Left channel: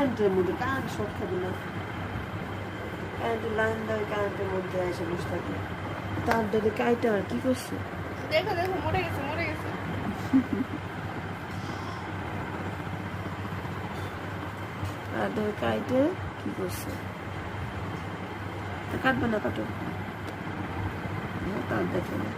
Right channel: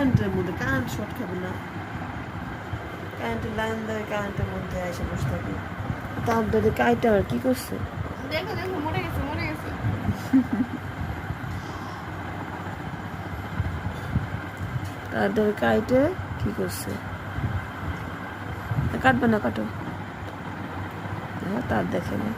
কারেন্টের মধ্যে current short খাবে না, কারেন্টের লাইন দেয়, কারেন্টের মধ্যে এসে বসে থাকে। তার দাদা কাইটা আর কি করছে? দেখো দেখো মরে গেছে মরে গেছে। তার দাদা কাইটে কি করছে? কাটবে না, কাটো। তার দেখে না।